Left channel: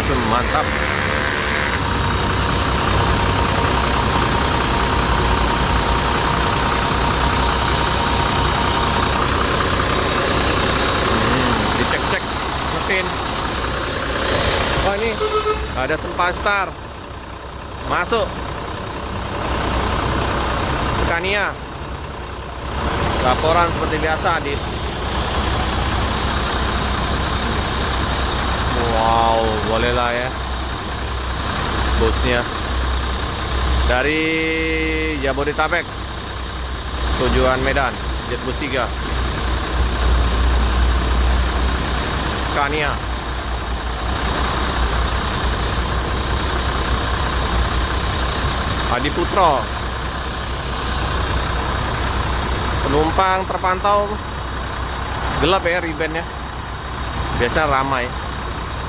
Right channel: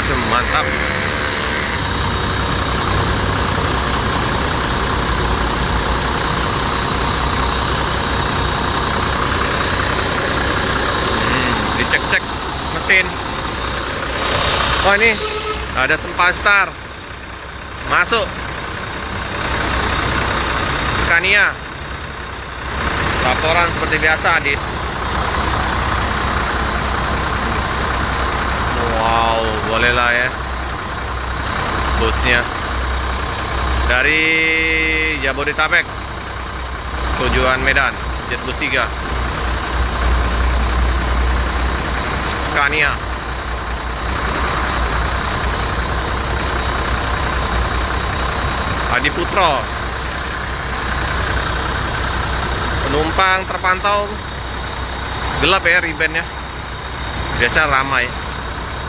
masih mantap. Dicek-cek mesin. Oh, ini ada Sempastar masuk Scania. Laporan seperti biasa, Adit. Wow, boleh lah ya. Busnya dari Jabodetabek tujuan Medan, Jetbus 3 Scania. Adi Putro. Penumpang terpantau gelap ya, ribennya. Biasanya ramai.